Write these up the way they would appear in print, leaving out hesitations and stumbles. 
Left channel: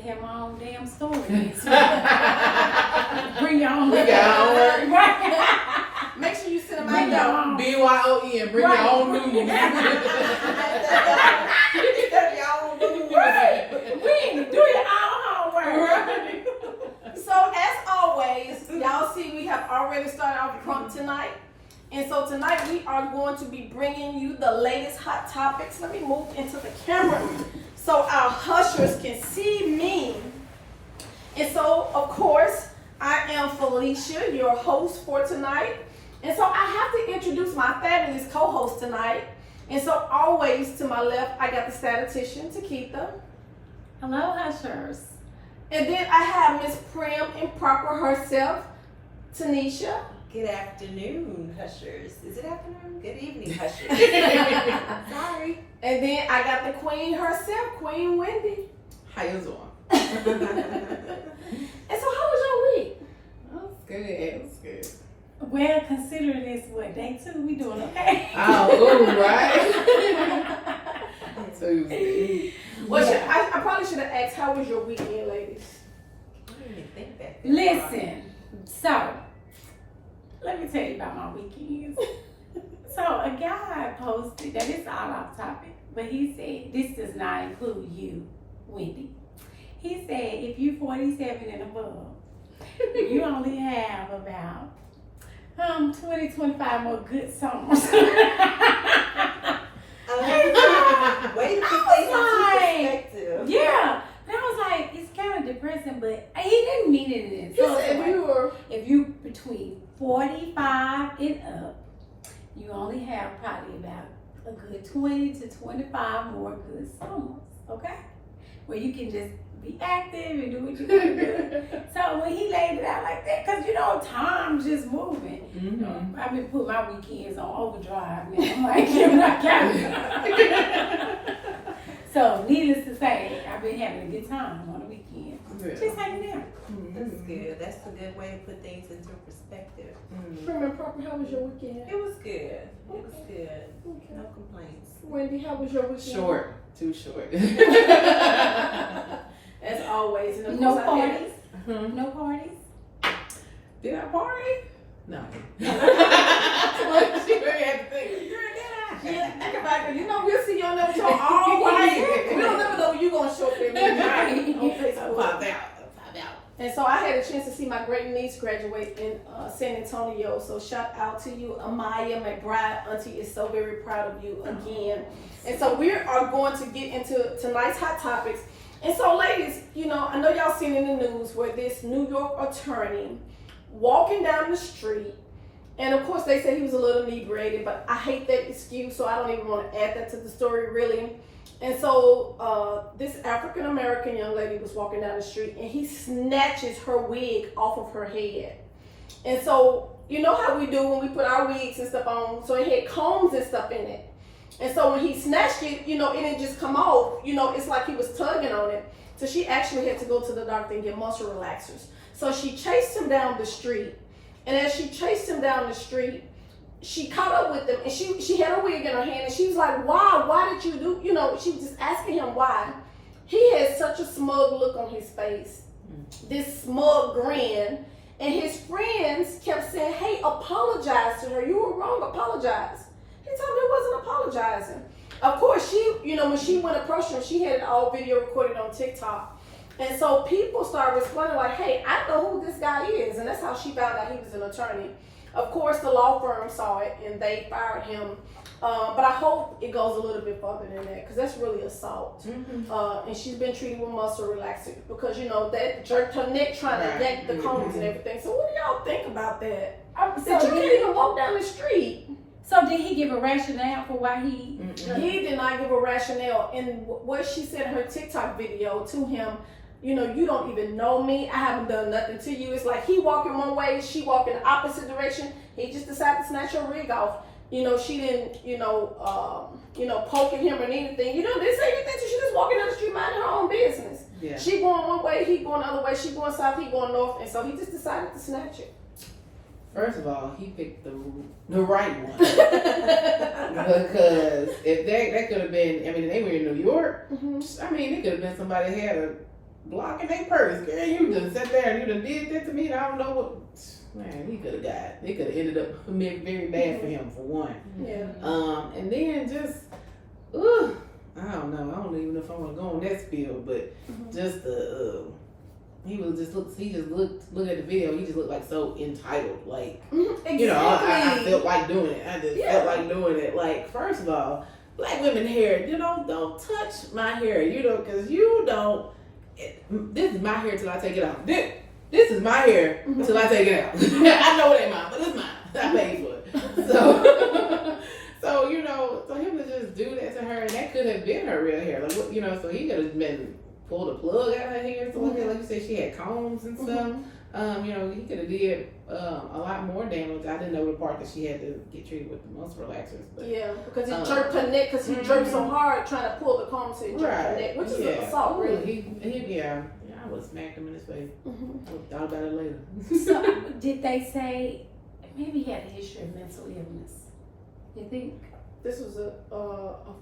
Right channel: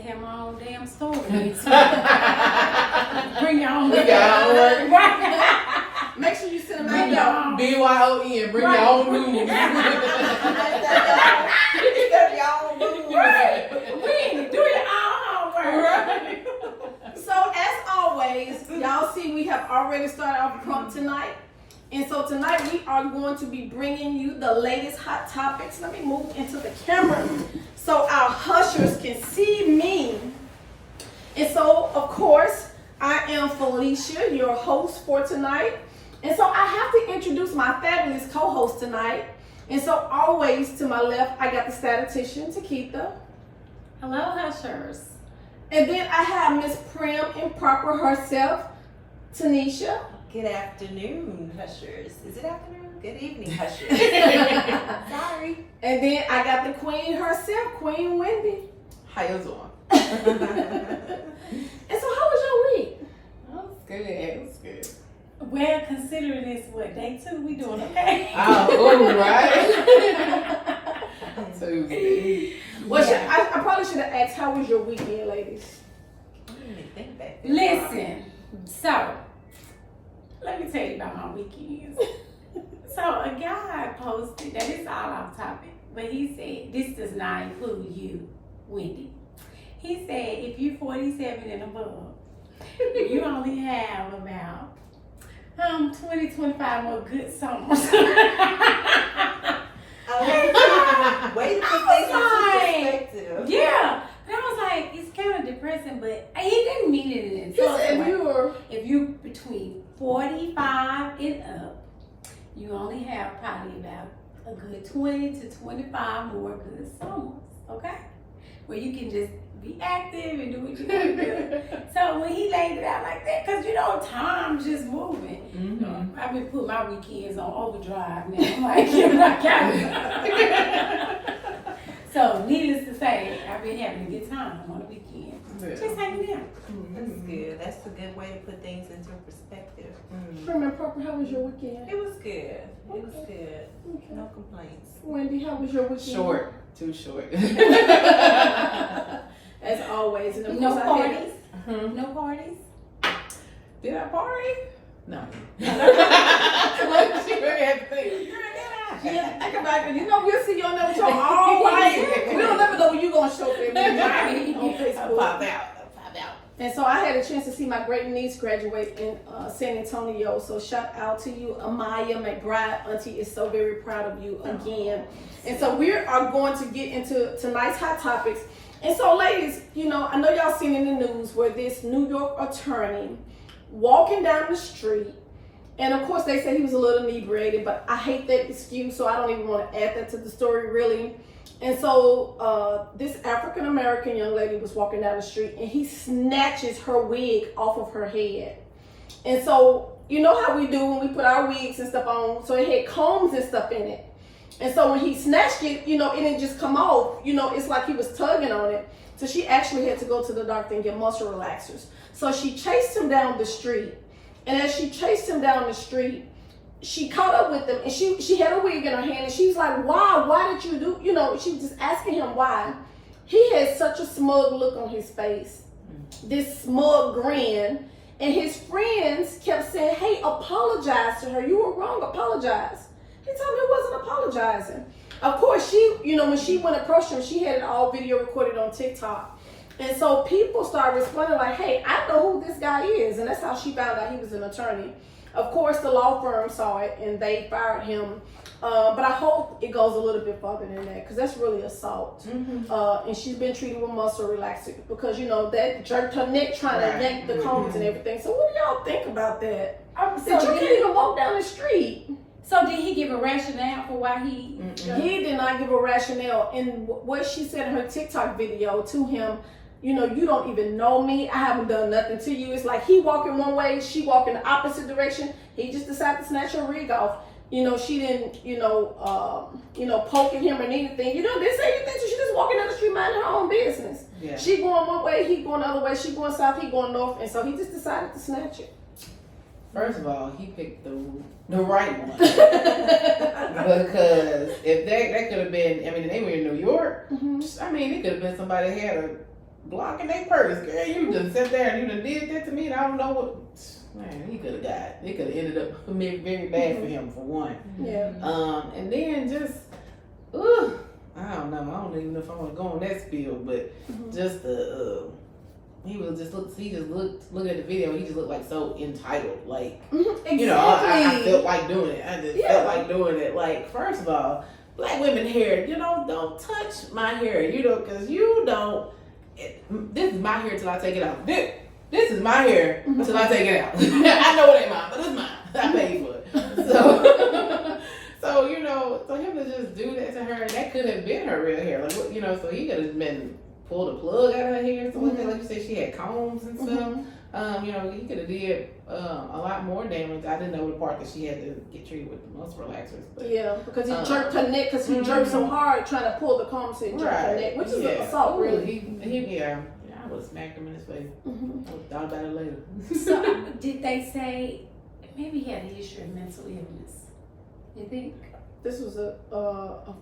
have my own damn story. Bring your own Bring your own word. Right. Make sure you send them Bring your own. BYON. Bring your own news. Right. Do your own homework. So as always, y'all see we have already started our prompt tonight. And so tonight we are going to be bringing you the latest hot topics. Let me move into the camera so our hushers can see me. And so, of course, I am Felicia, your host for tonight. And so I have to introduce my fabulous co-host tonight. And so always to my left, I got the statistician, Takitha. Hello, hushers. And then I have Miss Prim Improper herself, Tanisha. Good afternoon, hushers. Is it afternoon? Good evening, hushers. Sorry. And then I got the queen herself, Queen Wendy. How you doing? And so how was your week? Oh, it's good. It's good. Well, considering this, what, day 2? We doing okay? Oh, right. So you Well, I probably should have asked, how was your weekend, ladies? I didn't even think that. Listen, so let me tell you about my weekends. So a guy posted, that is all off topic, but he said, this does not include you, Wendy. He said, if you're 47 and above, you only have about 20, 25 more good summers. Way to put things into perspective. Yeah. And I was like, it's kind of depressing, but he didn't mean it in So if you between 45 and up, you only have probably about a good 20 to 25 more good summers, okay? Where you can just be active and do what you want to do. So when he laid it out like that, because time's just moving. Mm-hmm. I've been putting my weekends on overdrive now. I'm like, you're not counting. So needless to say, I've been having a good time on the weekend. Yeah. Just hanging out. That's good. That's a good way to put things into perspective. Prim Improper, how was your weekend? It was good. It was good. Okay. No complaints. Wendy, how was your weekend? Short. Too short. As always. And of No course I had- parties? No parties? Did I party? No. She really had to think. Yeah, think about it. We'll see you on that show all night. We don't never know when you're going to show up on Facebook. Pop out. And so I had a chance to see my great niece graduate in San Antonio. So shout out to you, Amaya McBride. Auntie is so very proud of you again. And so we are going to get into tonight's hot topics. And so ladies, I know y'all seen in the news where this New York attorney walking down the street, and of course they say he was a little inebriated, but I hate that excuse, so I don't even want to add that to the story really. And so this African American young lady was walking down the street, and he snatches her wig off of her head. And so you know how we do when we put our wigs and stuff on, so it had combs and stuff in it. And so when he snatched it, it didn't just come off, it's like he was tugging on it. So she actually had to go to the doctor and get muscle relaxers. So she chased him down the street. And as she chased him down the street, she caught up with him, and she had a wig in her hand, and she was like, why did you do, she was just asking him why. He had such a smug look on his face, this smug grin, and his friends kept saying, hey, apologize to her. You were wrong, apologize. He told me he wasn't apologizing. Of course, she, when she went to approach him, she had it all video recorded on TikTok. And so people started responding like, hey, I know who this guy is. And that's how she found out he was an attorney. Of course, the law firm saw it and they fired him. But I hope it goes a little bit further than that, because that's really assault. And she's been treated with muscle relaxer because, that jerked her neck trying to yank the combs and everything. So what do y'all think about that? That you can't even walk down the street. So did he give a rationale for why he... He did not give a rationale. And what she said in her TikTok video to him, you don't even know me. I haven't done nothing to you. It's like he walking one way, she walking the opposite direction. He just decided to snatch her wig off. She didn't, poking him or anything. Didn't say anything. So she just walking down the street minding her own business. Yeah. She going one way, he going the other way. She going south, he going north. And so he just decided to snatch it. First of all, he picked the right one. Because if that could have been, they were in New York. Mm-hmm. It could have been somebody that had a blocking their purse. Girl, you just sat there and you done did that to me and I don't know what. Man, he could have died. It could have ended up very bad for him, for one. Yeah. And then just, I don't know. I don't even know if I want to go on that spiel, but just the, he just look at the video. He just looked like so entitled. Like, Exactly. you know, I felt like doing it. I just felt like doing it. Like, first of all, black women hair, you know, don't touch my hair, you know, because you don't. This is my hair till I take it off. This is my hair till I take it out. I know it ain't mine, but it's mine. I paid for it. So, so you know, for him to just do that to her, that could have been her real hair. Like, you know, so he could have been pulled a plug out of her hair. So like you said, she had combs and stuff. You know, he could have did a lot more damage. I didn't know the part that she had to get treated with the muscle relaxers. But, yeah, because he jerked her neck because he jerked so hard trying to pull the comb so he jerked her neck, which is an assault, really. I would have smacked him in his face. I would have thought about it later. So, did they say maybe he had a history of mental illness? You think? This was a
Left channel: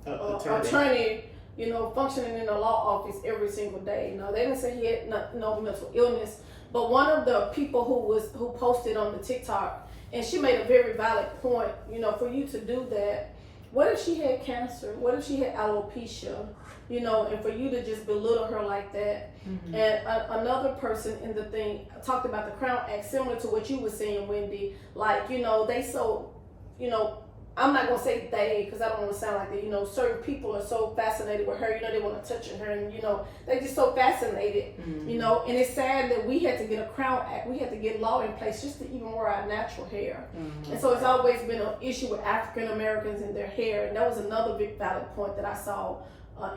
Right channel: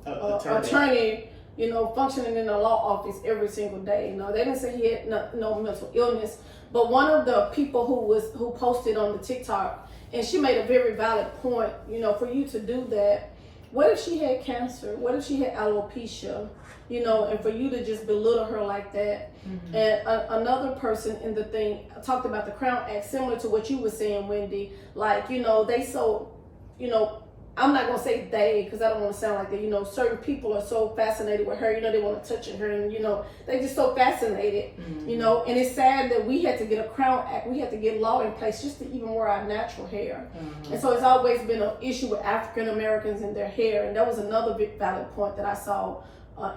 attorney. attorney, you know, functioning in the law office every single day. No, they didn't say he had no mental illness, but one of the people who posted on the TikTok, and she made a very valid point. You know, for you to do that, what if she had cancer? What if she had alopecia? You know, and for you to just belittle her like that. And another person in the thing talked about the Crown Act, similar to what you were saying, Wendy. Like, you know, they so, you know, I'm not gonna say they because I don't want to sound like that. You know, certain people are so fascinated with her. You know, they want to touch her, and you know, they just so fascinated. You know, and it's sad that we had to get a Crown Act. We had to get law in place just to even wear our natural hair. And so it's always been an issue with African Americans and their hair. And that was another big valid point that I saw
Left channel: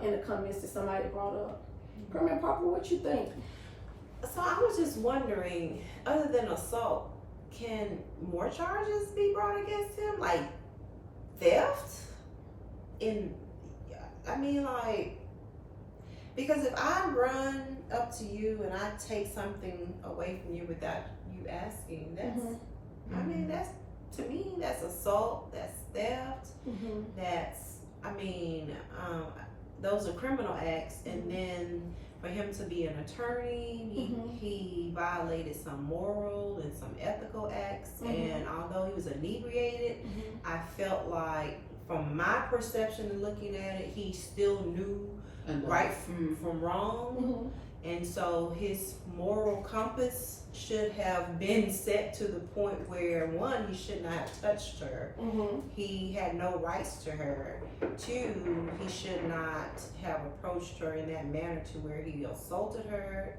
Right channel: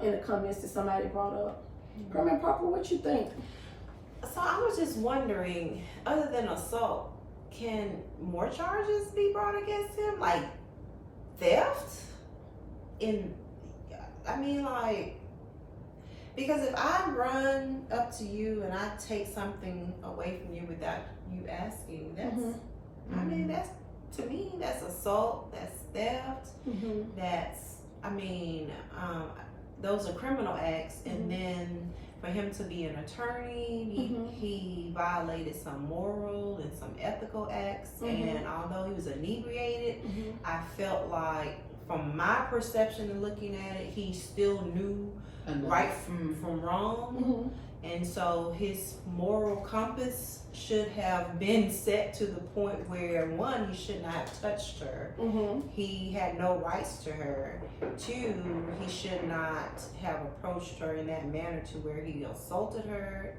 in the comments that somebody brought up. Grandma Papa, what you think? So I was just wondering, other than assault, can more charges be brought against him? Like theft? I mean, like, because if I run up to you and I take something away from you without you asking, that's, I mean, that's, to me, that's assault, that's theft, that's, I mean, those are criminal acts, and then for him to be an attorney, he violated some moral and some ethical acts, and although he was inebriated, I felt like, from my perception and looking at it, he still knew right from wrong, and so his moral compass should have been set to the point where, one, he should not have touched her. He had no rights to her. Two, he should not have approached her in that manner to where he assaulted her.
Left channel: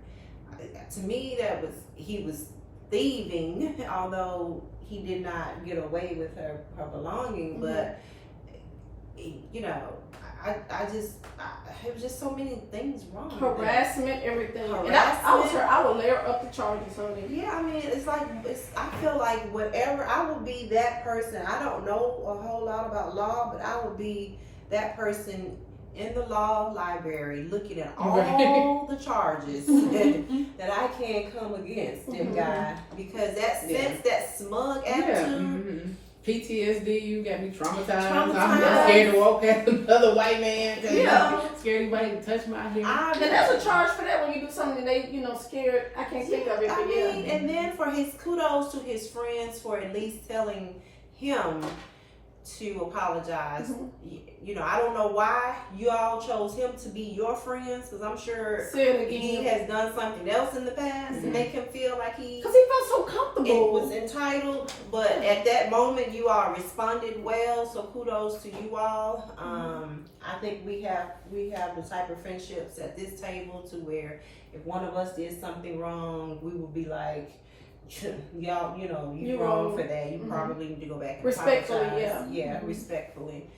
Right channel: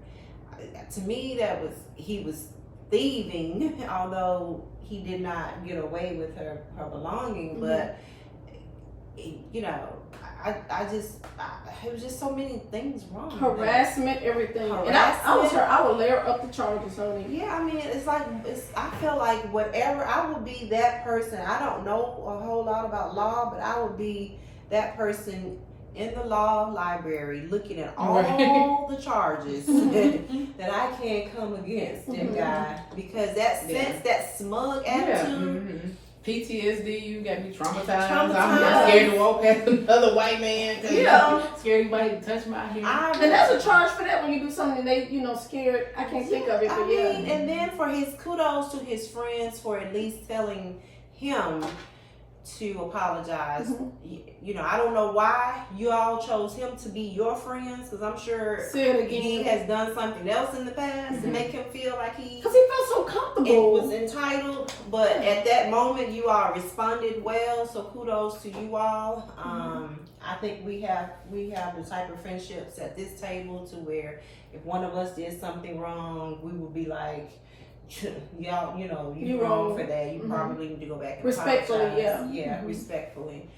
To me, he was thieving, although he did not get away with her belonging, but you know, it was just so many things wrong. Harassment, everything. Harassment. And I was her. I would layer up the charges on it. Yeah, I mean, I feel like whatever, I would be that person. I don't know a whole lot about law, but I would be that person in the law library looking at all the charges that I can come against that guy, because that sense, that smug attitude. PTSD, you got me traumatized. I'm scared to walk past another white man. Scared anybody to touch my hair. And there's a charge for that when you do something they, you know, scared. I can't think of it, but and then for his kudos to his friends for at least telling him to apologize. You know, I don't know why you all chose him to be your friends, because I'm sure he has done something else in the past to make him feel like because he felt so comfortable, was entitled. But at that moment, you all responded well, so kudos to you all. I think we have the type of friendships at this table to where if one of us did something wrong, we would be like, y'all, you know, you're wrong for that. You probably need to go back and respectfully, apologize. Respectfully,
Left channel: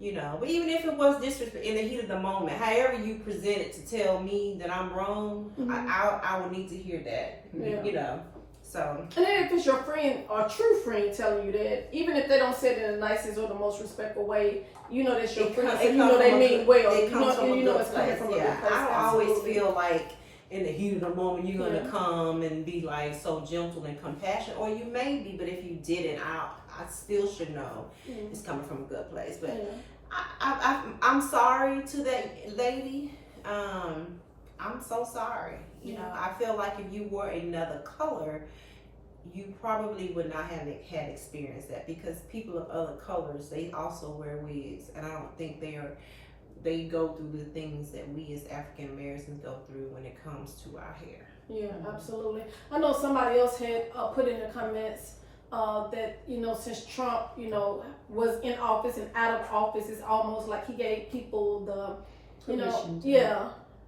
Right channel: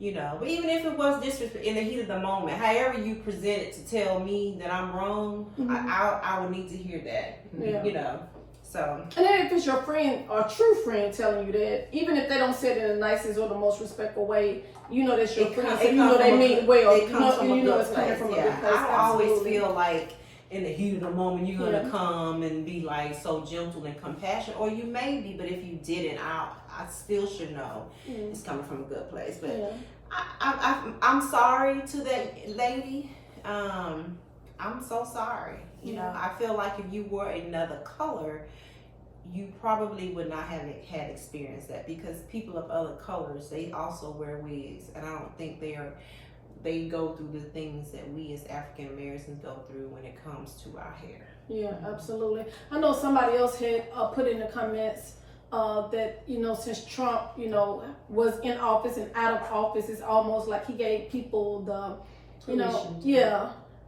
you know. But even if it was disrespect in the heat of the moment, however you present it to tell me that I'm wrong, I would need to hear that. You know. So. And then if it's your friend or true friend telling you that, even if they don't say it in the nicest or the most respectful way, you know that's your friend, so you know they mean well. It comes from a good place. From a good place. I always feel like, in the heat of the moment, you're gonna come and be like so gentle and compassionate, or you may be, but if you didn't, I still should know it's coming from a good place. But I'm sorry to that lady. I'm so sorry. You know, I feel like if you were another color, you probably would not have had experienced that, because people of other colors, they also wear wigs, and I don't think they go through the things that we as African Americans go through when it comes to our hair. Yeah, absolutely. I know somebody else had put in the comments that, you know, since Trump, you know, was in office and out of office, it's almost like he gave people the, you know,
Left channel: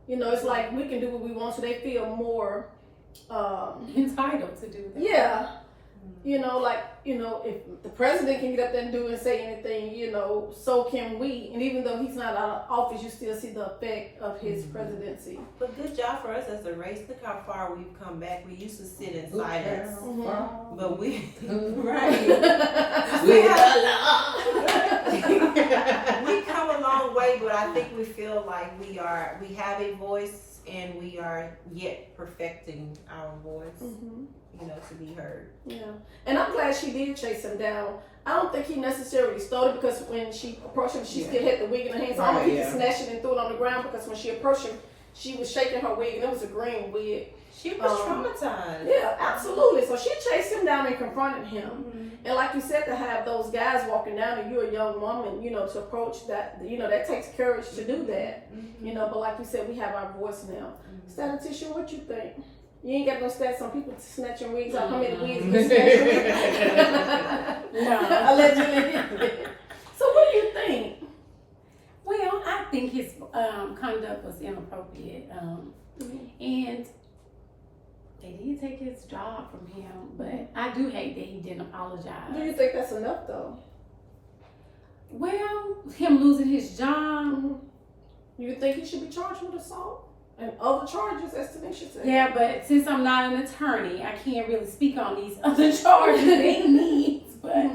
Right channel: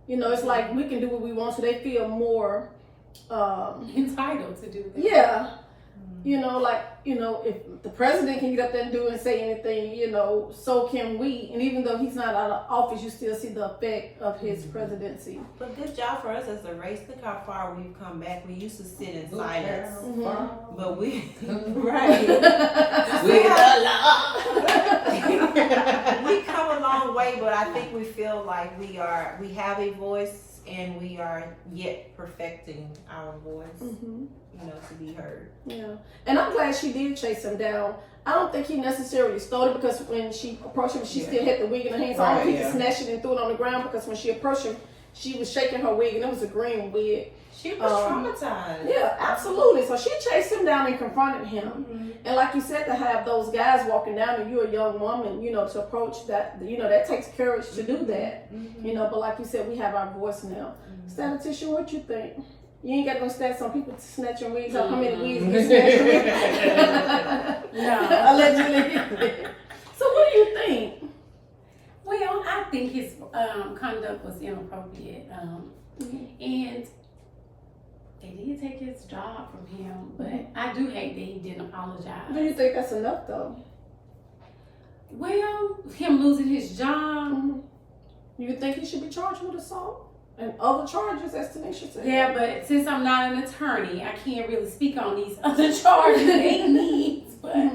you know, it's like we can do what we want, so they feel more entitled to do that. Yeah. You know, like, you know, if the president can get up there and do and say anything, you know, so can we. And even though he's not out of office, you still see the effect of his presidency. But good job for us as a race. Look how far we've come back. We used to sit in silence, but we right. We come a long way, but I think we feel like we have a voice, and we are yet perfecting our voice, you know, to be heard. Yeah, and I'm glad she did chase him down. I don't think he necessarily stole it, because when she approached him, she still had the wig in her hand. So I don't think he snatched it and threw it on the ground, because when she approached him, she was shaking her wig, and it was a green wig. She was traumatized. Yeah, absolutely. So she chased him down and confronted him. And like you said, to have those guys walking down and you're a young woman, you know, to approach that, you know, that takes courage to do that. You know, but like you said, we have our voice now. Statistician, what you think? You ain't got no stats on people snatching wigs out. How many wigs you snatching? No. Allegedly. So what do you think? Well, I think his conduct was inappropriate. And they did take his job from him, but I do hate that he didn't apologize. Do you think that's enough, though? Well, him losing his job. You think he should be charged with assault and other charges, as Tanisha said? Yeah, but since I'm not an attorney, I can't really speak on these other charges that he needs. But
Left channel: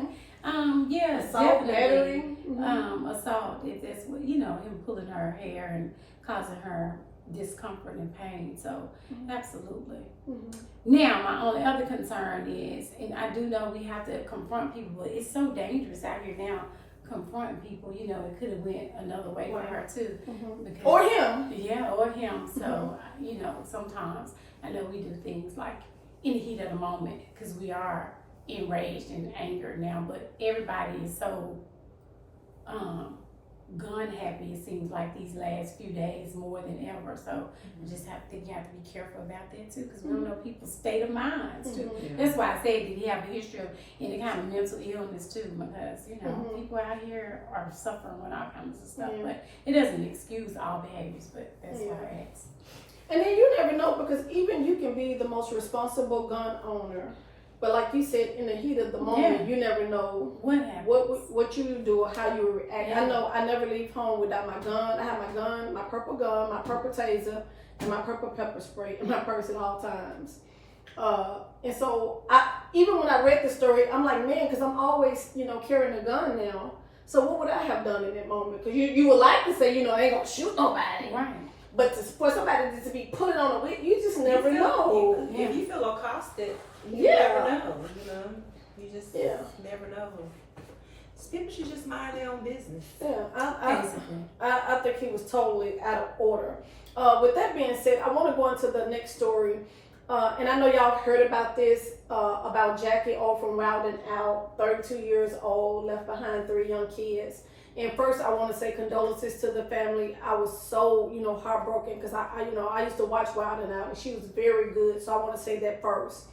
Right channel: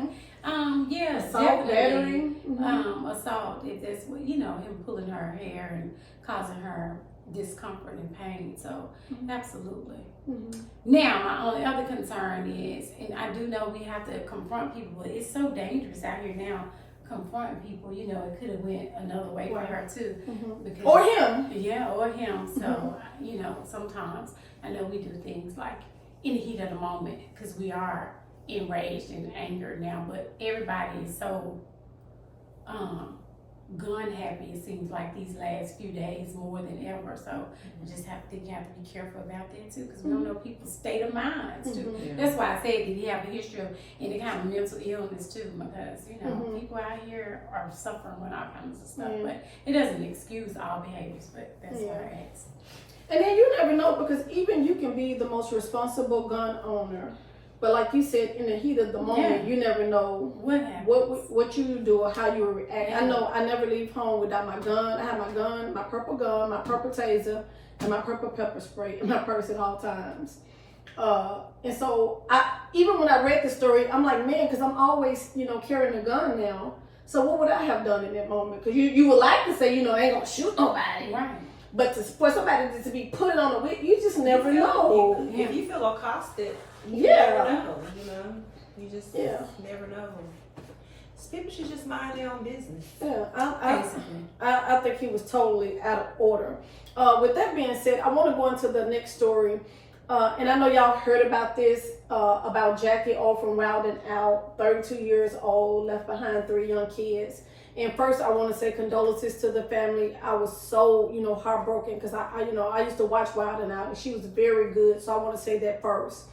yeah, assault, battery, assault. If that's what, you know, him pulling her hair and causing her discomfort and pain. So absolutely. Now my only other concern is, and I do know we have to confront people, but it's so dangerous out here now confronting people. You know, it could have went another way for her too, because, or him. Yeah, or him. So you know, sometimes I know we do things like in the heat of the moment because we are enraged and angered now, but everybody is so gun happy, it seems like these last few days more than ever. So I just think you have to be careful about that too, because we don't know people's state of minds too. That's why I said, did he have a history of any kind of mental illness too? Because you know, people out here are suffering with all kinds of stuff, but it doesn't excuse all behaviors. But that's why I asked. And then you never know, because even you can be the most responsible gun owner, but like you said, in the heat of the moment, you never know what you do or how you react. I know I never leave home without my gun. I have my gun, my purple taser, and my purple pepper spray in my purse at all times. And so even when I read the story, I'm like, man, because I'm always, you know, carrying a gun now. So what would I have done in that moment? Because you would like to say, you know, I ain't gonna shoot nobody. Right. But for somebody to be putting on a whip, you just never know. If you feel accosted, you never know. You know, you just never know. People should just mind their own business. Yeah, I think he was totally out of order. With that being said, I want to go into the next story. And I know y'all heard about this, about Jackie O from Rowden Out, 32 years old, left behind 3 young kids. And first, I want to say condolences to the family. I was so, you know, heartbroken because I used to watch Rowden Out, and she was very good. So I want to say that first.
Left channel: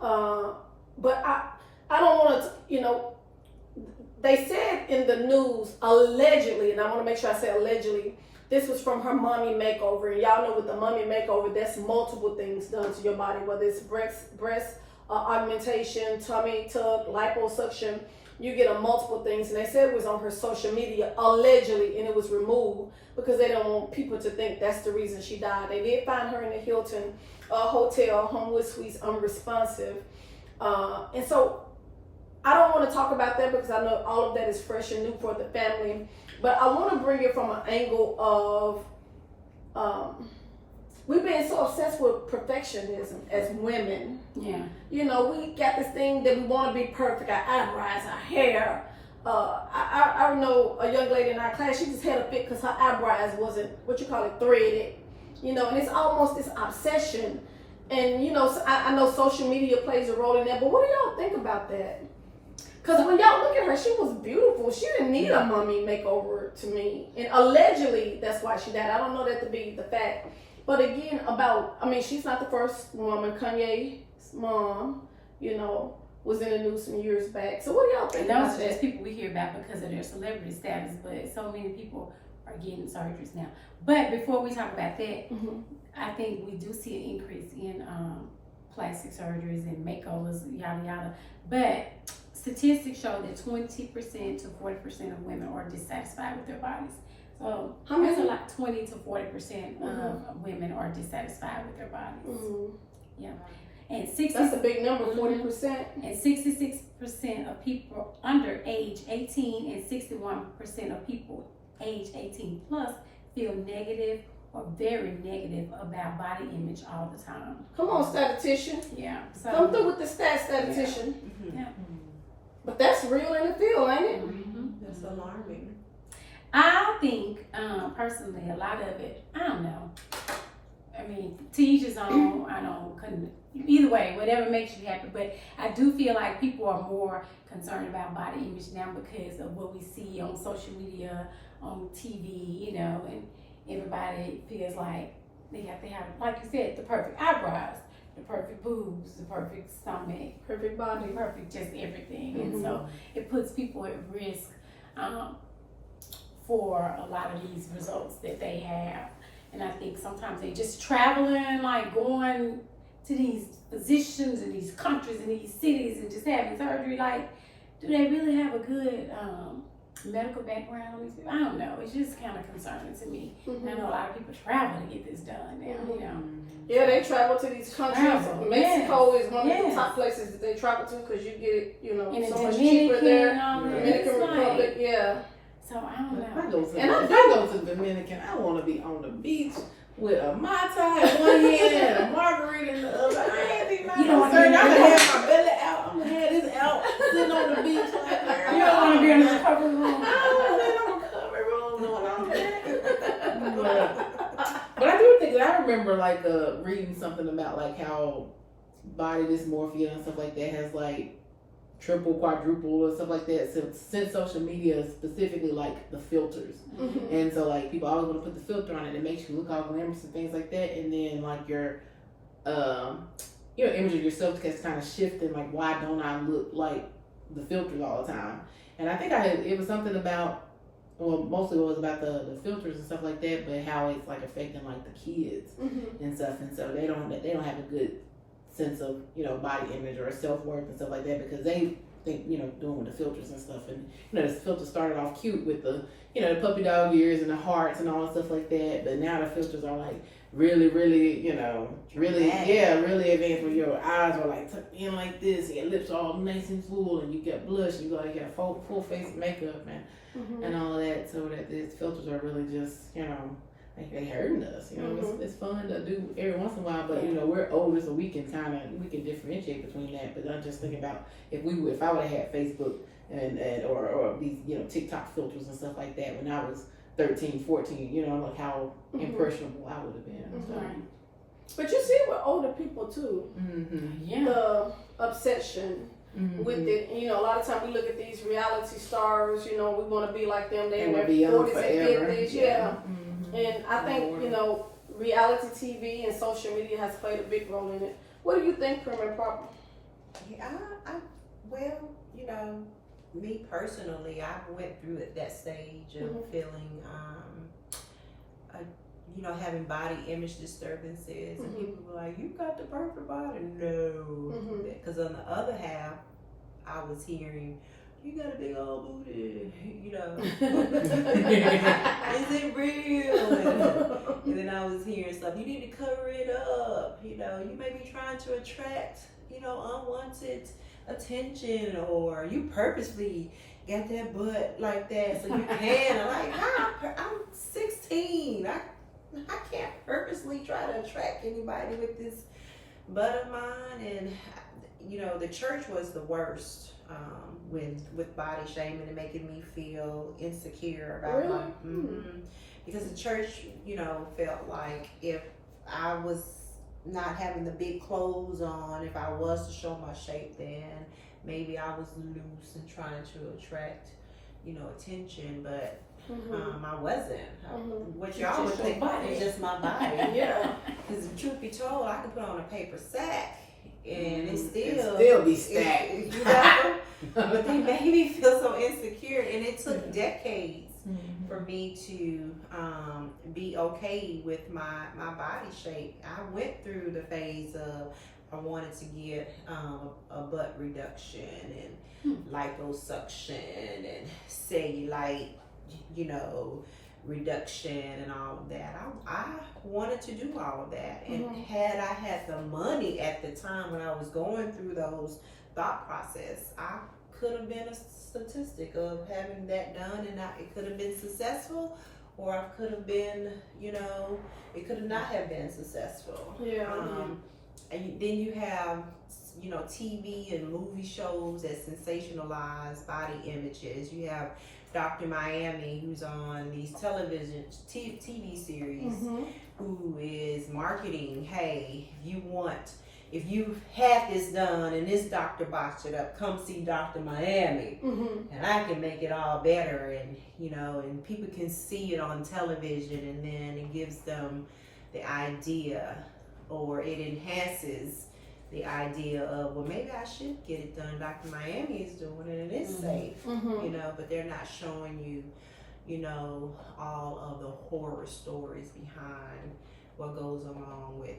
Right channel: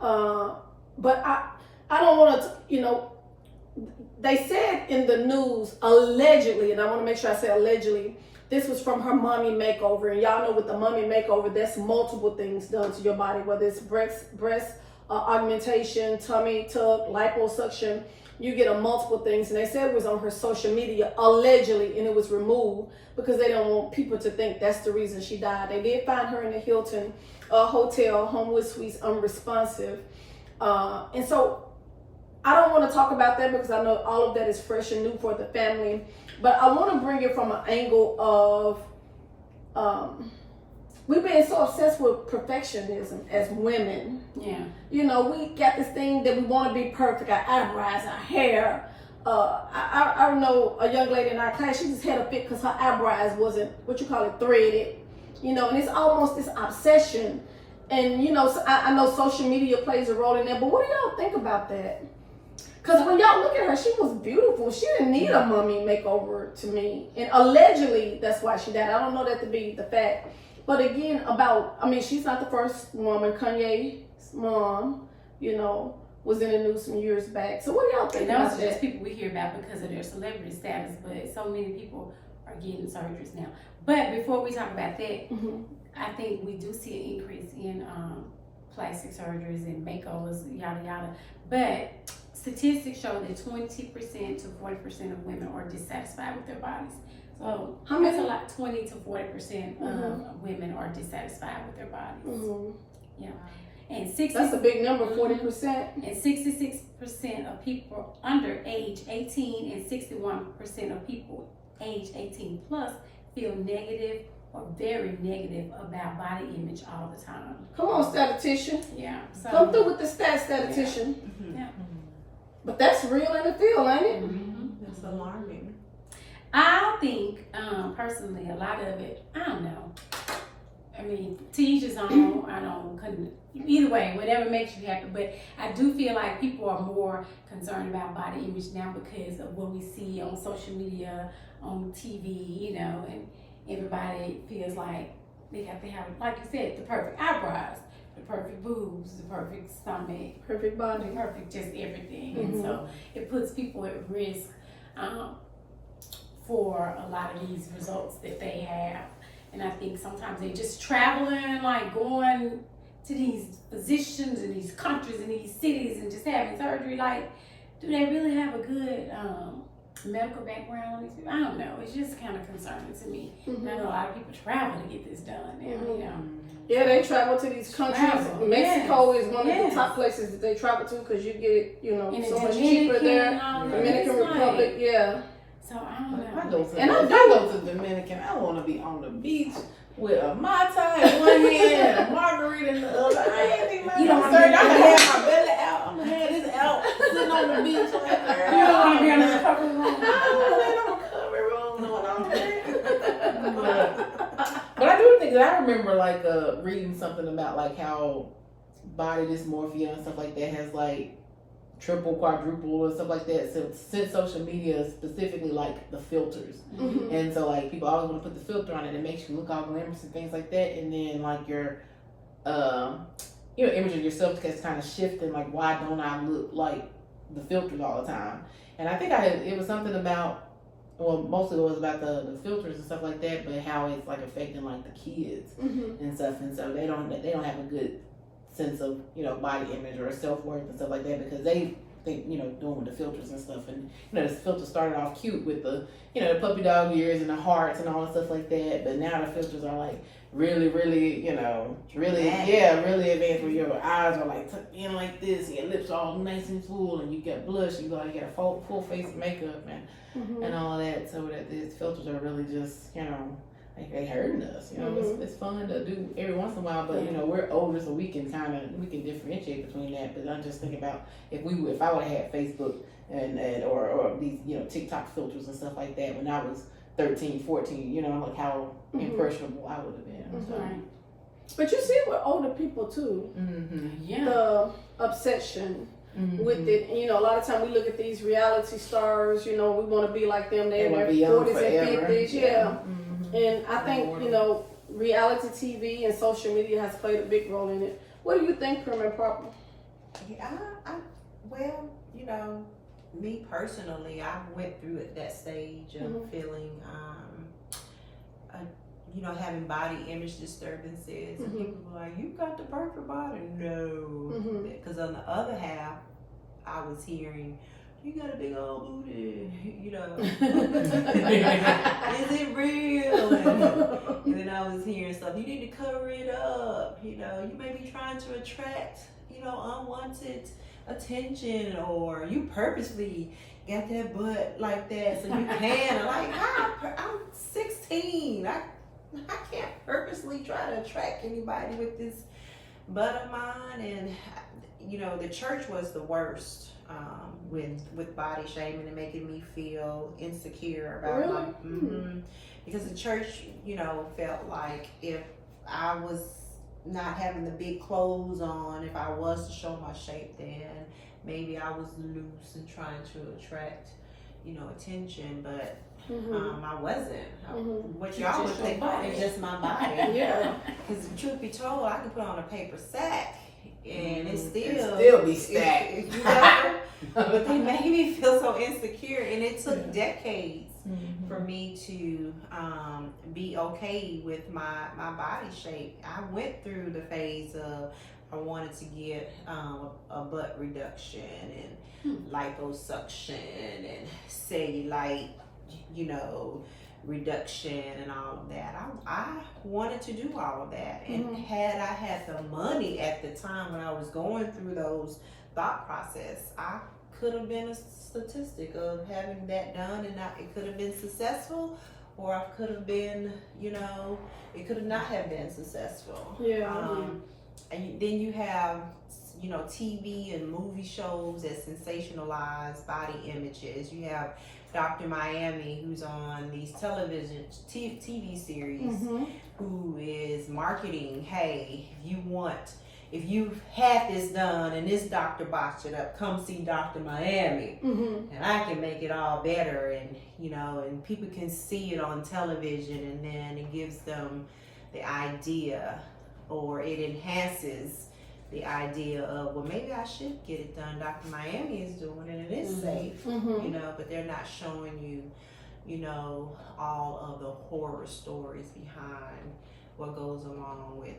But I don't want to, you know, they said in the news, allegedly, and I want to make sure I say allegedly, this was from her mommy makeover. And y'all know with the mommy makeover, that's multiple things done to your body, whether it's breast augmentation, tummy tuck, liposuction. You get a multiple things. And they said it was on her social media, allegedly, and it was removed because they don't want people to think that's the reason she died. They did find her in the Hilton Hotel, Homewood Suites, unresponsive. And so I don't want to talk about that because I know all of that is fresh and new for the family. But I want to bring it from an angle of we've been so obsessed with perfectionism as women. Yeah. You know, we got this thing that we want to be perfect. Our eyebrows, our hair. I know a young lady in our class, she just had a fit because her eyebrows wasn't, threaded. you know, and it's almost this obsession. And you know, I know social media plays a role in that, but what do y'all think about that? Because when y'all look at her, she was beautiful. She didn't need a mummy makeover to me. And allegedly, that's why she died. I don't know that to be the fact. But again, she's not the first woman. Kanye's mom, you know, was in the news some years back. So what do y'all think And about those are that? just people we hear about because of their celebrity status, but so many people are getting surgeries now. But before we talk about that, I think we do see an increase in plastic surgeries and makeovers, yada yada. But statistics show that 20% to 40% of women are dissatisfied with their bodies. So that's a lot. 20 to 40% of women are dissatisfied with their bodies. Yeah, and that's a big number, 40%. And 66% of people under age 18 and 61% of people age 18 plus feel negative or very negative about body image all the time. Come on, statistician. Yeah. So, come through with the stats, statistician. Yeah. But that's real in the field, ain't it? That's alarming. I think, personally, a lot of it, I don't know. I mean, to each his own. Either way, whatever makes you happy. But I do feel like people are more concerned about body image now because of what we see on social media, on TV, you know, and everybody feels like they have to have, like you said, the perfect eyebrows, the perfect boobs, the perfect stomach, Perfect body. perfect just everything. And so it puts people at risk for a lot of these results that they have. And I think sometimes they just traveling, like going to these physicians in these countries and these cities and just having surgery. Like, do they really have a good medical background? I don't know. It's just kind of concerning to me. I know a lot of people travel to get this done now, you know. Yeah, they travel to these countries. Mexico is one of the top places that they travel to because you get, you know, so much cheaper there. Dominican Republic, yeah. So I don't know. If I go to Dominican, I want to be on the beach with a Mai Tai in one hand and a margarita in the other. I ain't think about don't I'm gonna wanna have my belly out. I'm gonna have this out, sitting on the beach right there. You don't want to be in the recovery room. I don't want to be in the recovery room doing all that. But I do think that I remember like reading something about like how body dysmorphia and stuff like that has like triple, quadruple, and stuff like that. So since social media, specifically like the filters, and so like people always want to put the filter on it. It makes you look all glamorous and things like that. And then like your, image of yourself gets kind of shifting. Like, why don't I look like the filters all the time? And I think it was something about, well, mostly it was about the filters and stuff like that, but how it's like affecting like the kids and stuff. And so they don't have a good sense of, body image or self-worth and stuff like that because they think, doing with the filters and stuff. And, the filters started off cute with the, the puppy dog ears and the hearts and all that stuff like that. But now the filters are like really, really, really advanced where your eyes are like tucked in like this, your lips are all nice and full, and you get blush, you got full face makeup and all of that. So that these filters are really just, like they hurting us, it's fun to do every once in a while, but we're older, so we can differentiate between that. But I'm just thinking about if I would have had Facebook and or these TikTok filters and stuff like that when I was 13, 14, like how impressionable I would have been. Right. But you see it with older people too. Yeah. The obsession with it. And, a lot of time we look at these reality stars, we want to be like them. They're in their 40s and 50s. Yeah. And I think, reality TV and social media has played a big role in it. What do you think, Prim and Proper? Yeah, me personally, I went through at that stage of feeling, having body image disturbances. And people were like, you got the perfect body. No. Because on the other half, I was hearing, you got a big old booty, is it real? And then I was hearing stuff, you need to cover it up, you may be trying to attract, unwanted attention, or you purposely got that butt like that so you can. I'm like, I'm 16, I can't purposely try to attract anybody with this butt of mine. And the church was the worst. With body shaming and making me feel insecure about because the church, felt like if I was not having the big clothes on, if I was to show my shape, then maybe I was loose and trying to attract, attention, but I wasn't. What y'all would think is just my body. Yeah. Because truth be told, I could put on a paper sack and it still be stacked. But they made me feel so insecure, and it took decades for me to be okay with my body shape. I went through the phase of I wanted to get a butt reduction and liposuction and cellulite, reduction and all of that. I wanted to do all of that, and had I had the money at the time when I was going through those thought process, I could have been a statistic of having that done, and it could have been successful, or I could have been, it could have not have been successful. And then you have, TV and movie shows that sensationalize body images. You have Dr. Miami, who's on these TV series, who is marketing, hey, if you've had this done and this doctor botched it up, come see Dr. Miami, and I can make it all better, and and people can see it on television, and then it gives them the idea, or it enhances the idea of, well, maybe I should get it done. Dr. Miami is doing it and it's safe, but they're not showing you, all of the horror stories behind what goes along with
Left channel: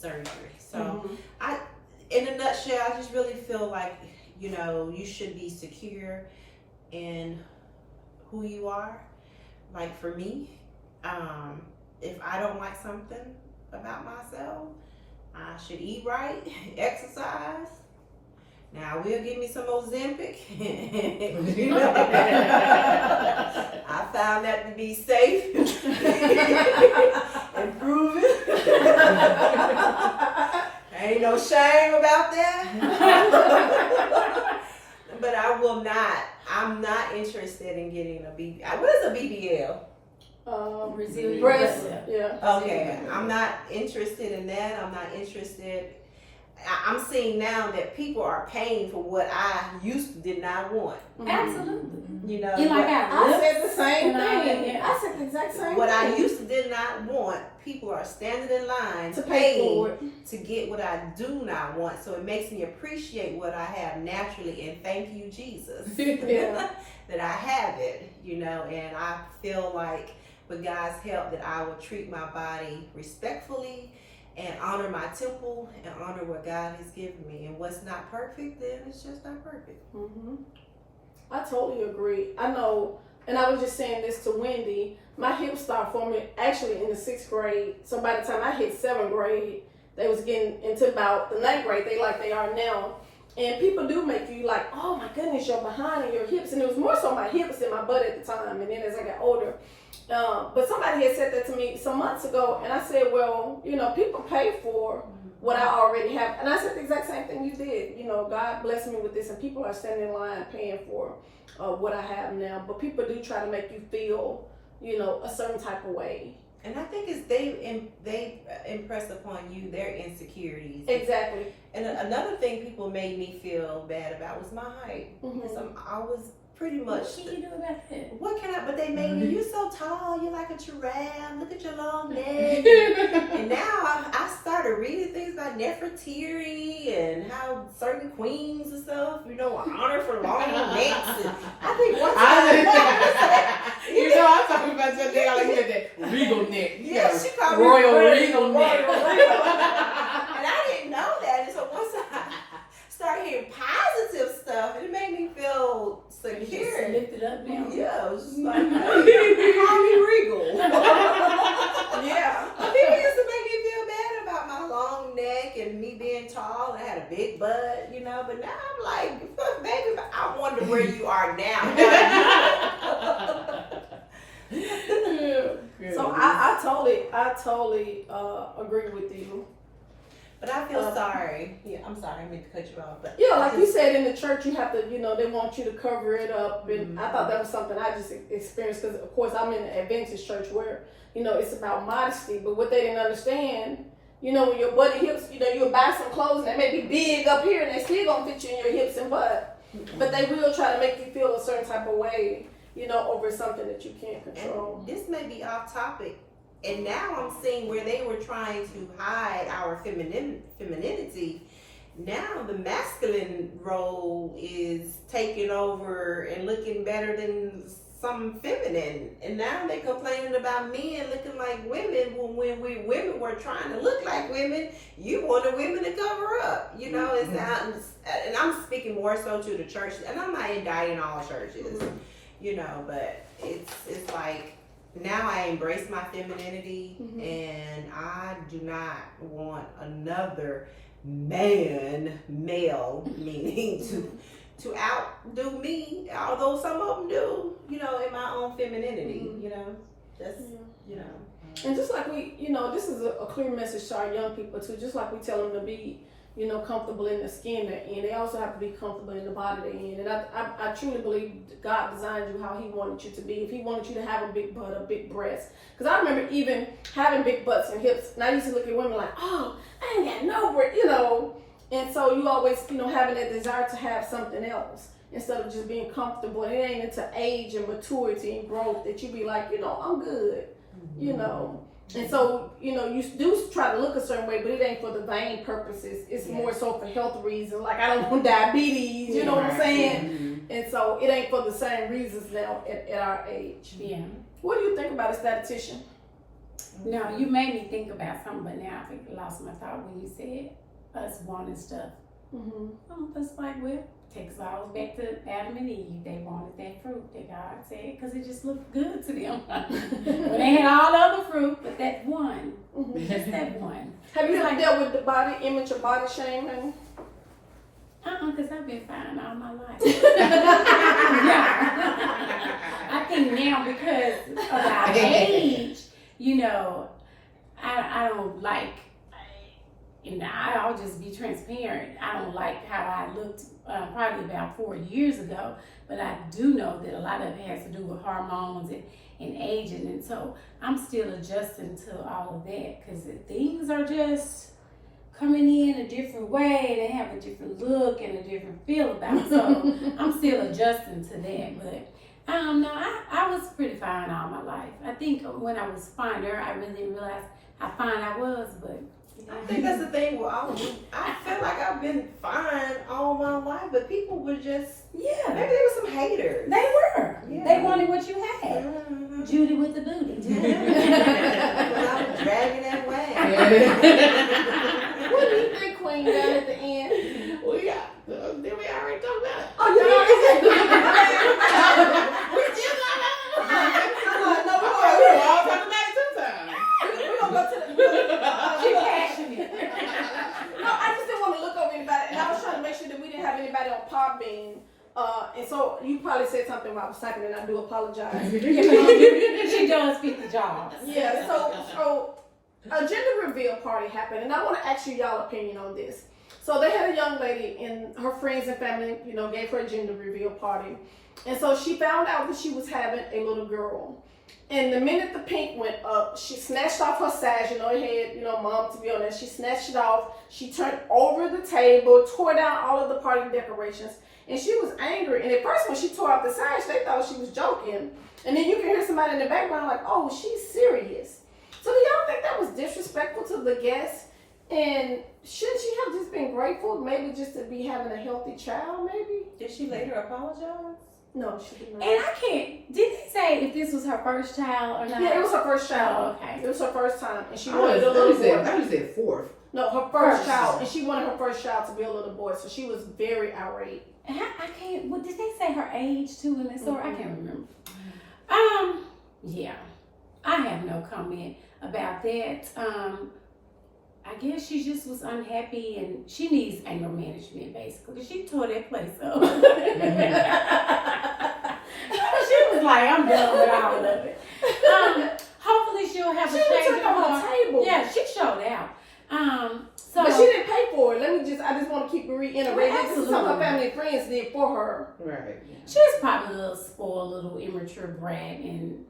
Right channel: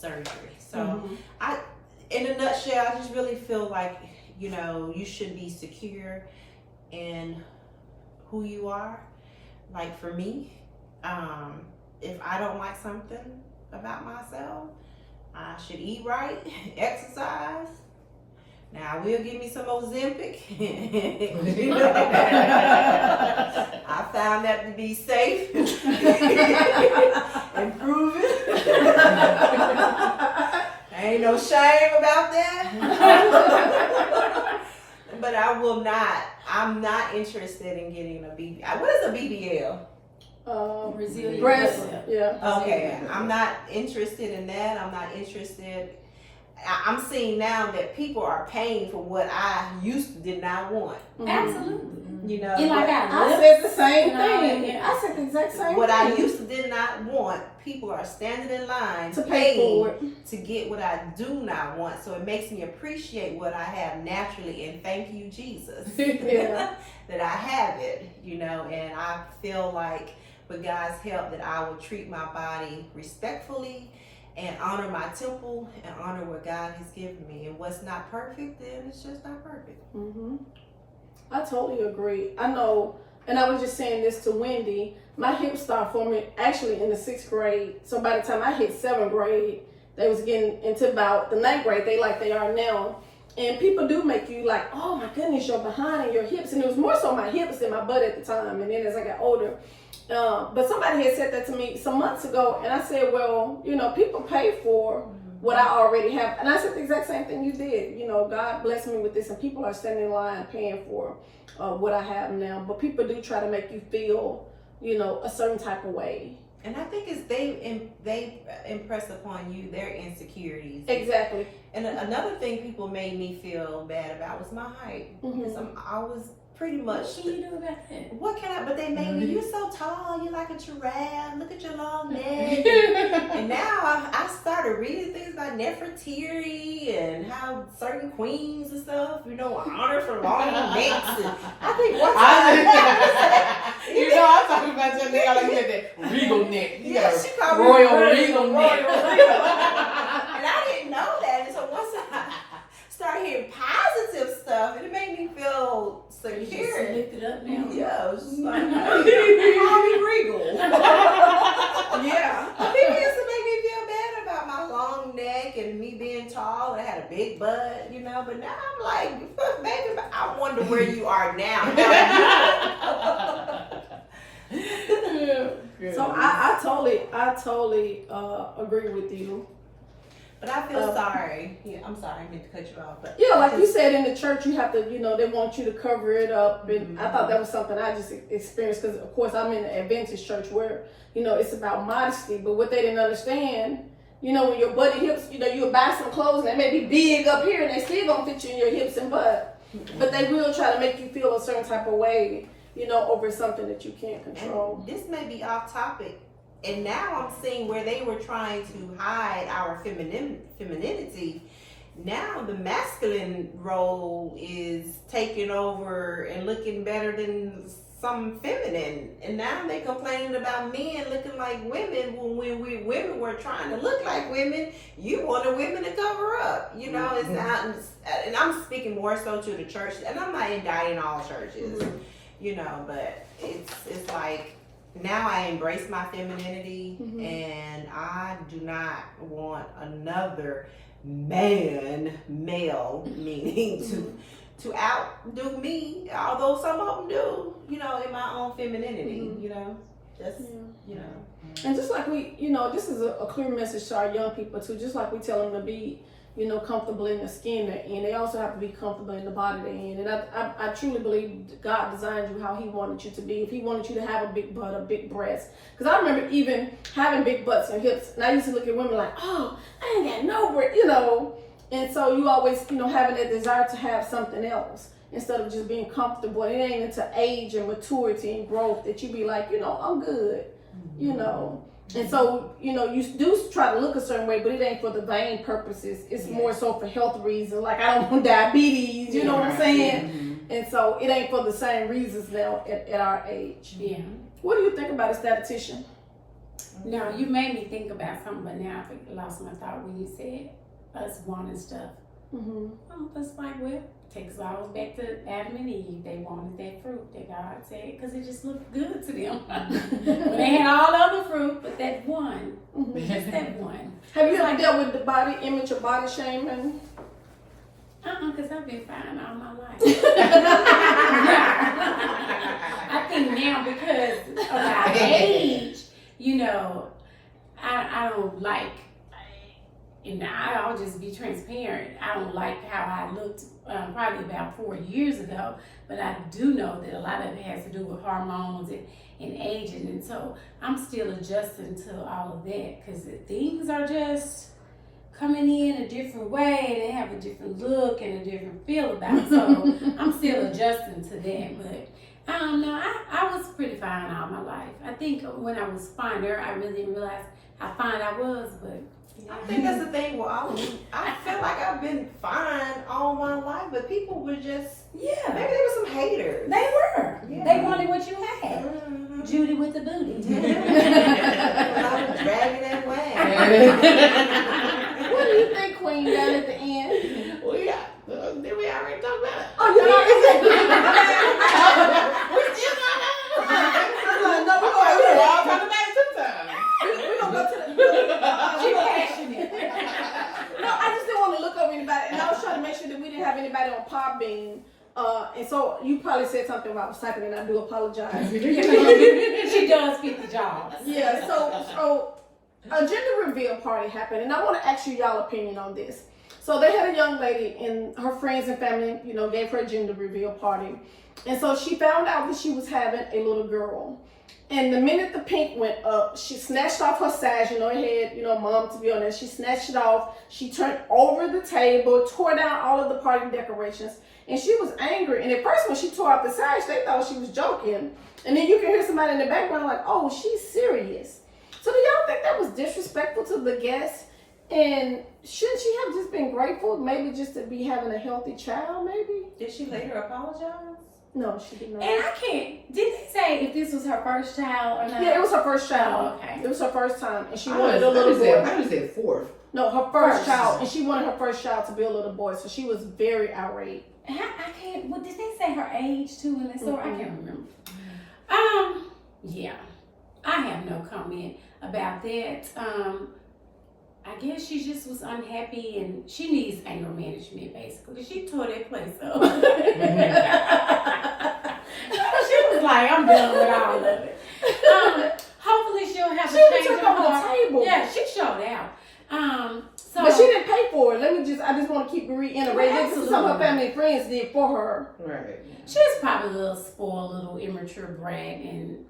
surgery. So in a nutshell, I just really feel like, you should be secure in who you are. Like for me, if I don't like something about myself, I should eat right, exercise. Now, I will give me some Ozempic. I found that to be safe and proven. Ain't no shame about that. But I'm not interested in getting a BBL. What is a BBL? Resilient breast. Yeah. Okay, I'm not interested in that. I'm not interested. I'm seeing now that people are paying for what I did not want. Absolutely. I said the same thing. I said the exact same What thing. I did not want, people are standing in line to pay for it to get what I do not want. So it makes me appreciate what I have naturally, and thank you, Jesus, that I have it. And I feel like with God's help that I will treat my body respectfully and honor my temple and honor what God has given me. And what's not perfect, then it's just not perfect. I totally agree. I know, and I was just saying this to Wendy, my hips started forming actually in the 6th grade. So by the time I hit 7th grade, they was getting into about the 9th grade, they are now. And people do make you like, oh my goodness, you're behind and your hips. And it was more so my hips than my butt at the time. And then as I got older, but somebody had said that to me some months ago, and I said, well, people pay for what I already have. And I said the exact same thing you did. God blessed me with this, and people are standing in line paying for what I have now. But people do try to make you feel, a certain type of way. And I think it's they impress upon you their insecurities. Exactly. And another thing people made me feel bad about was my height. Because I was pretty much. What can you do about that? What can I? But they made me. You're so tall. You're like a giraffe. Look at your long neck. And now I started reading things about Nefertiti and how certain queens and stuff, are honored for long necks. And I think one time. I'm talking about your neck. Like you had that regal neck. She called me royal regal neck. And I didn't know that. And so once I started hearing positive stuff, it made me feel secure. Just lift it up now. Yeah, it was just like, call me regal. Yeah. People used to make me feel bad about my long neck and me being tall. I had a big butt, but now I'm like, baby, I wonder where you are now. So I totally agree with you. But I feel sorry. Yeah, I'm sorry. I meant to cut you off. But Yeah, like you said, in the church, you have to, they want you to cover it up. And I thought that was something I just experienced because, of course, I'm in an Adventist church where, it's about modesty. But what they didn't understand, when your butt and hips, you'll buy some clothes and they may be big up here and they still gonna fit you in your hips and butt. But they will try to make you feel a certain type of way, over something that you can't control. And this may be off topic. And now I'm seeing where they were trying to hide our femininity. Now the masculine role is taking over and looking better than some feminine. And now they're complaining about men looking like women when we women were trying to look like women. You wanted women to cover up. It's not, and I'm speaking more so to the church. And I'm not indicting all churches, but it's like, now I embrace my femininity, and I do not want another male, meaning to outdo me, although some of them do, in my own femininity, And just like we, this is a clear message to our young people too, just like we tell them to be, comfortable in the skin they're in, they also have to be comfortable in the body they're in. And I truly believe God designed you how he wanted you to be. If he wanted you to have a big butt, a big breast. Because I remember even having big butts and hips, and I used to look at women like, oh, I ain't got no breast, And so you always, having that desire to have something else instead of just being comfortable. It ain't into age and maturity and growth that you be like, I'm good, And so, you do try to look a certain way, but it ain't for the vain purposes. It's more so for health reasons. Like, I don't want diabetes, you know what I'm saying? And so it ain't for the same reasons now at our age. Yeah. What do you think about a statistician? No, you made me think about something, but now I lost my thought when you said us wanting stuff. It's like, well, take us all back to Adam and Eve. They wanted that fruit that God said because it just looked good to them. But they had all the other fruit, but that one, just that one. Have you ever dealt with the body image or body shaming? Because I've been fine all my life. I think now because of our age, I don't like, and I'll just be transparent. I don't like how I looked probably about 4 years ago, but I do know that a lot of it has to do with hormones and aging, and so I'm still adjusting to all of that because things are just coming in a different way. They have a different look and a different feel about it, so I'm still adjusting to that. But I don't know, I was pretty fine all my life. I think when I was finer, I really didn't realize how fine I was, but I think that's the thing with all of me. I feel like I've been fine all my life, but people were just, maybe there were some haters. They were. Yeah. They wanted what you had. Judy with the booty. I was dragging that way. What do you think, Queen, down at the end? Well, yeah. Did we already talk about it? Oh, you already We still got No, we're all talking about it sometimes. We're going to go to the... She passionate. No, I just didn't want to look over anybody, and I was trying to make sure that we didn't have anybody on Podbean. And so you probably said something while I was typing, and I do apologize. She does fit the job. Yeah, so a gender reveal party happened, and I want to ask you y'all opinion on this. So they had a young lady, and her friends and family, gave her a gender reveal party. And so she found out that she was having a little girl. And the minute the pink went up, she snatched off her sash, it had, mom to be on there. She snatched it off. She turned over the table, tore down all of the party decorations. And she was angry. And at first when she tore off the sash, they thought she was joking. And then you can hear somebody in the background like, oh, she's serious. So do y'all think that was disrespectful to the guests? And shouldn't she have just been grateful, maybe just to be having a healthy child, maybe? Did she later apologize? No, she did not. And I can't, did they say if this was her first child or not? Yeah, it was her first child. Oh, okay. It was her first time. And she wanted a little boy. I would say fourth. No, her first child. And she wanted her first child to be a little boy. So she was very irate. I can't, what, did they say her age too in the story? I can't remember. Yeah. I have no comment about that. I guess she just was unhappy and she needs anger management basically. She tore that place up. She was like, I'm done with all of it. Hopefully she'll have a change of heart. Table. Yeah, she showed out. But she didn't pay for it. I just want to keep reiterating. Well, This is something her family and friends did for her. Right. She was probably a little spoiled, little immature brat, and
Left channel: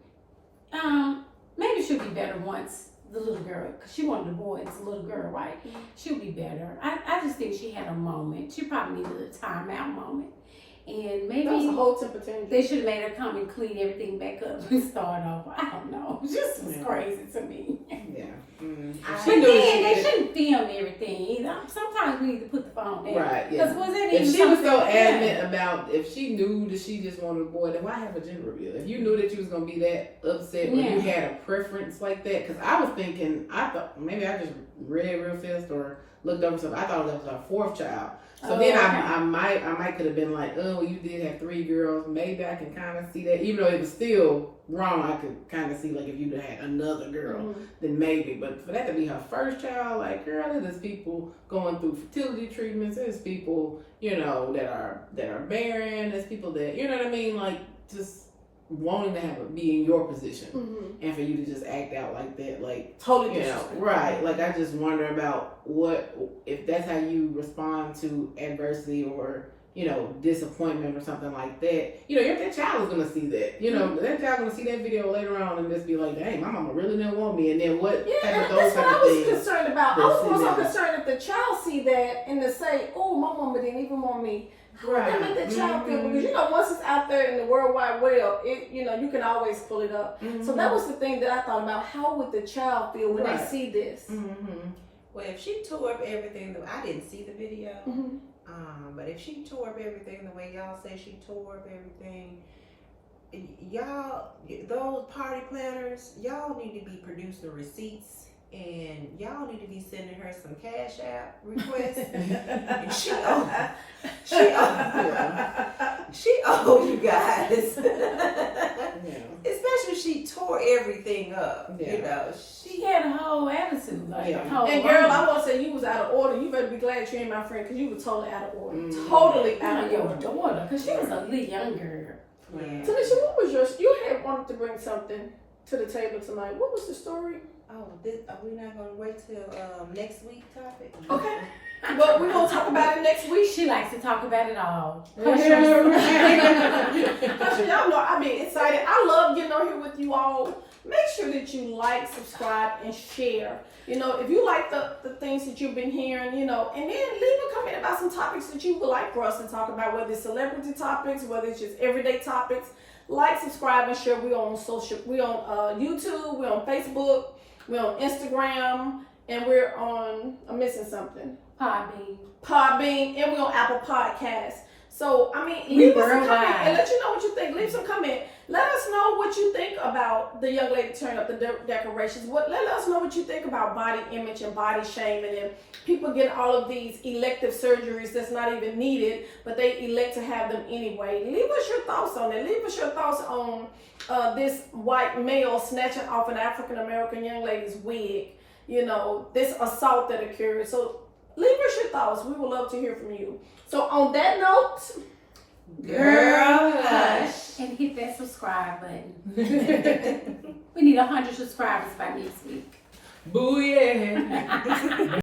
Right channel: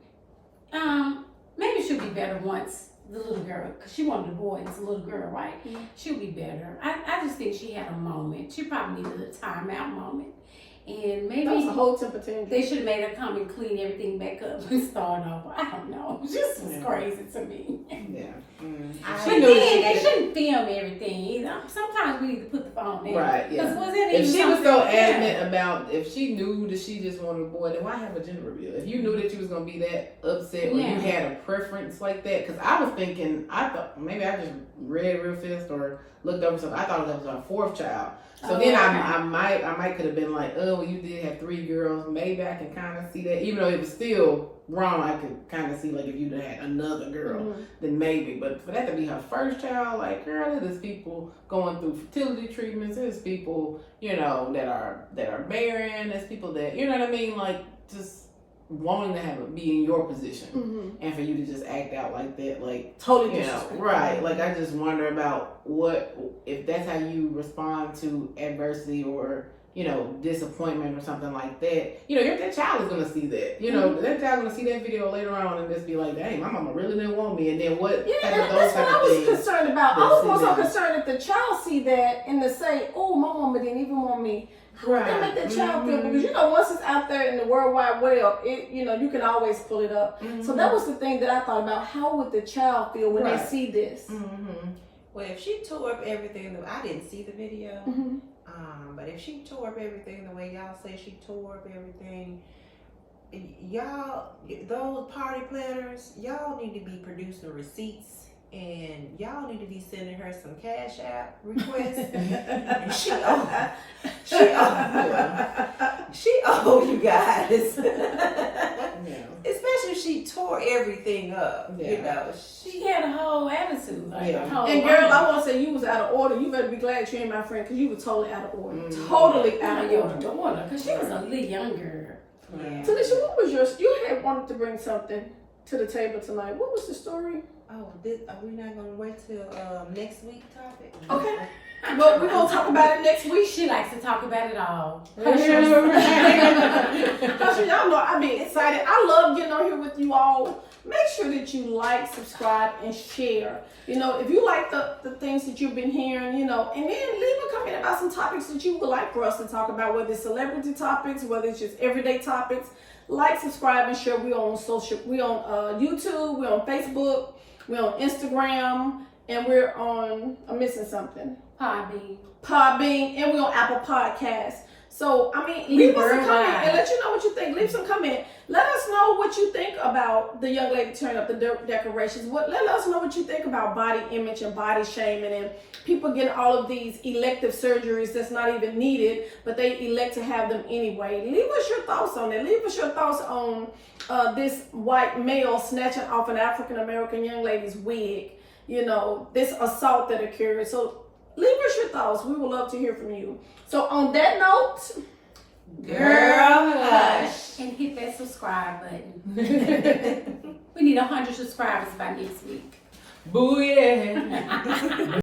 maybe she'll be better once the little girl, because she wanted a boy and it's a little girl, right? Mm-hmm. She'll be better. I just think she had a moment. She probably needed a timeout moment. And maybe That was a whole temper tantrum. they should have made her come and clean everything back up and start over. I don't know. It just was crazy to me. Yeah. But then they shouldn't film everything either. Sometimes we need to put the phone down. Right, yeah. Because was it If even she was so something- adamant about, if she knew that she just wanted a boy, then why have a gender reveal? If you knew that you was gonna be that upset, or you had a preference like that, because I was thinking, I thought maybe I just read real fast or looked up something. I thought that was our fourth child. So then I might could have been like, oh, well, you did have 3 girls. Maybe I can kind of see that, even though it was still wrong. I could kind of see like if you had another girl, then maybe. But for that to be her first child, like, girl, there's people going through fertility treatments. There's people, you know, that are barren. There's people that, you know what I mean, like just wanting to be in your position, and for you to just act out like that, like Totally you know, disrespectful. right? Like I just wonder about what if that's how you respond to adversity or, you know, disappointment or something like that. You know, if that child is gonna see that, you know, that child gonna see that video later on and just be like, dang, my mama really didn't want me. And then what? Yeah, type and of that's those what type I of was things? concerned about. I was more so Yeah. concerned if the child see that and to say, oh, my mama didn't even want me. How would that make the child feel? Because, you know, once it's out there in the World Wide Web, it, you know, you can always pull it up. So that was the thing that I thought about. How would the child feel when they see this? Well, if she tore up everything, I didn't see the video. But if she tore up everything the way y'all say she tore up everything, y'all, those party planners, y'all need to be producing receipts. And y'all need to be sending her some Cash App requests. she owe you guys. Especially if she tore everything up. You know, she had a whole attitude. Like, Yeah. And girl, I want to say you was out of order. You better be glad you ain't my friend, because you were totally out of order. Totally out of your order. daughter, because she was a little younger. Yeah. Tanisha, what was you had wanted to bring something to the table tonight. What was the story? Oh, are we not gonna wait till next week topic? Okay. Well, we're gonna talk about it next week. She likes to talk about it all. Y'all know I be excited. I love getting on here with you all. Make sure that you like, subscribe, and share. You know, if you like the things that you've been hearing, you know, and then leave a comment about some topics that you would like for us to talk about, whether it's celebrity topics, whether it's just everyday topics. Like, subscribe, and share. We're on YouTube, we're on Facebook, we're on Instagram, and we're on, I'm missing something. Podbean, and we're on Apple Podcasts. So, I mean, leave us a comment and let you know what you think. Leave some comment. Let us know what you think about the young lady turning up the decorations. Let us know what you think about body image and body shaming and people getting all of these elective surgeries that's not even needed, but they elect to have them anyway. Leave us your thoughts on it. Leave us your thoughts on this white male snatching off an African-American young lady's wig. You know, this assault that occurred. So leave us your thoughts. We would love to hear from you. So on that note, girl, hush and hit that subscribe button. We need 100 subscribers by next week. Booyah!